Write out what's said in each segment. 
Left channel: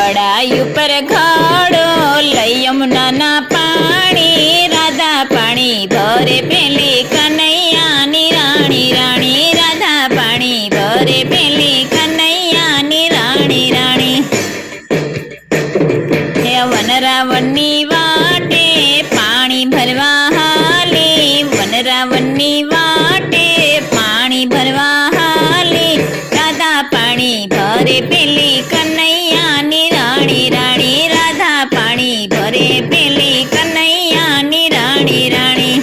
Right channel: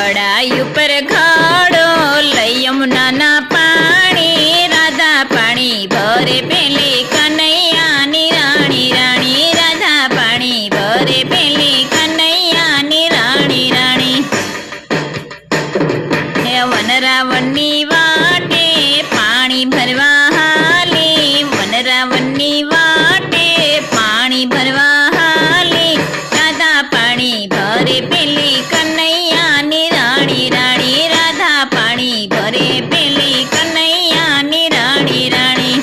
કડાઈ ઉપર ઘડો લઈ યમુનાના પાણી, રાધા પાણી ભરે પેલી કનૈયાની રાણી રાણી, રાધા પાણી ભરે પેલી કનૈયાની રાણી રાણી. હે વનરાવણની વાટે પાણી ભરવા હાલી, વનરાવણની વાટે પાણી ભરવા હાલી, રાધા પાણી ભરે પેલી કનૈયાની રાણી રાણી, રાધા પાણી ભરે પેલી કનૈયાની રાણી રાણી.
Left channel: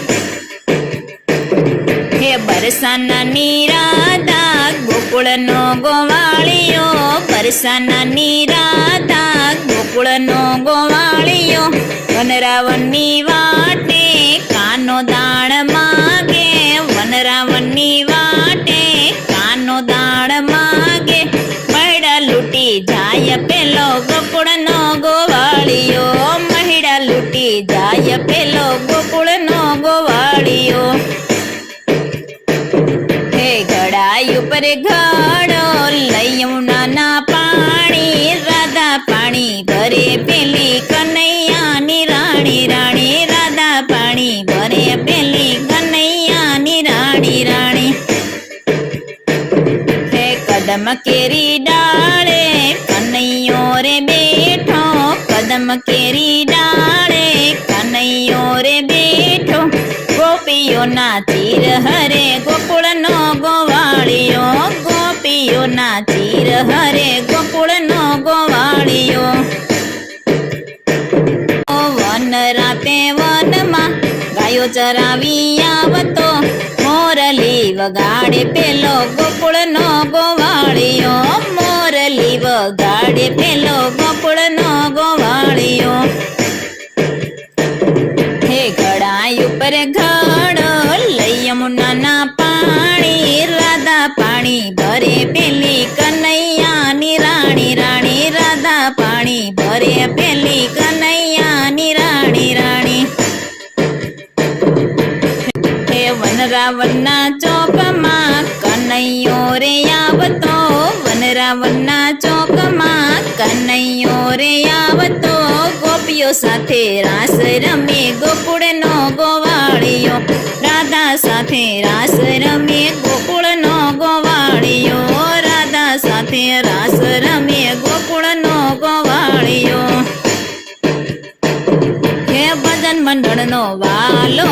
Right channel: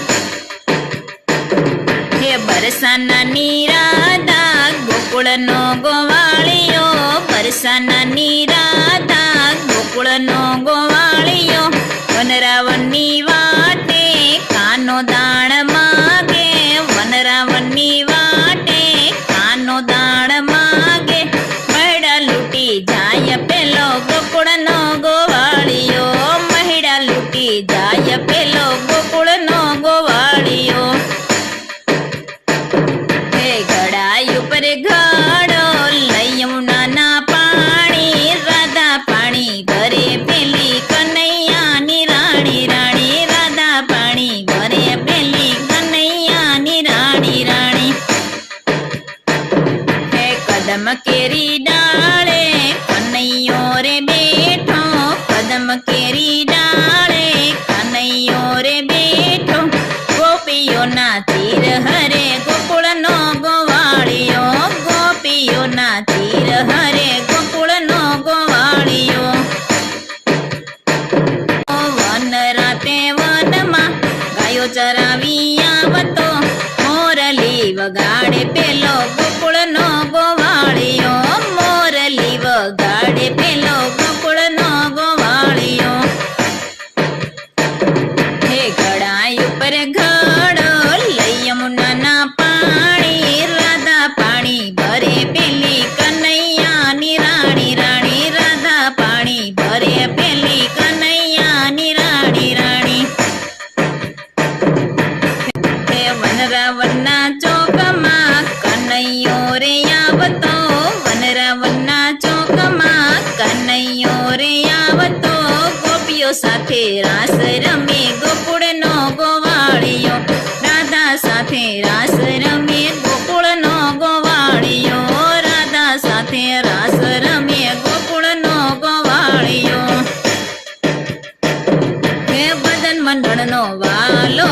હે બરસાનાની રાધા ગોકુળનો ગોવાળિયો, બરસાનાની રાધા ગોકુળનો ગોવાળિયો, વનરાવણની વાટે કાનો દાણ માગે, વનરાવણની વાટે કાનો દાણ માગે, મહિડા લૂટી જાય પેલો ગોકુળનો ગોવાળિયો, મહિડા લૂટી જાય પેલો ગોકુળનો ગોવાળિયો. હે ઘડાઈ ઉપર ઘડો લઈ યમુનાના પાણી, રાધા પાણી ભરે પેલી કનૈયાની રાણી રાણી, રાધા પાણી ભરે પેલી કનૈયાની રાણી રાણી. હે કદમ કેરી ડાળે કનૈયો રે બેઠો, કદમ કેરી ડાળે કનૈયો રે બેઠો, ગોપીઓના ચીર હરે ગોકુળનો ગોવાળિયો, ગોપીઓના ચીર હરે ગોકુળનો ગોવાળિયો. વન રાતે વનમાં ગાયો ચરાવી આવતો, મોરલી વગાડે પેલો ગોકુળનો ગોવાળિયો, મોરલી વગાડે પેલો ગોકુળનો ગોવાળિયો. હે ઘડાઈ ઉપર ઘડો લઈ યમુનાના પાણી, રાધા પાણી ભરે પેલી કનૈયાની રાણી રાણી, રાધા પાણી ભરે પેલી કનૈયાની રાણી રાણી. હે વનરાવણના ચોકમાં કનૈયો રે આવતો, વનરાવણના ચોકમાં કનૈયો રે આવતો, ગોપીઓ સાથે રાસ રમે ગોકુળનો ગોવાળિયો, રાધા સાથે રાસ રમે ગોકુળનો ગોવાળિયો, રાધા સાથે રાસ રમે ગોકુળનો ગોવાળિયો. હે ભજન મંડળનો વાલો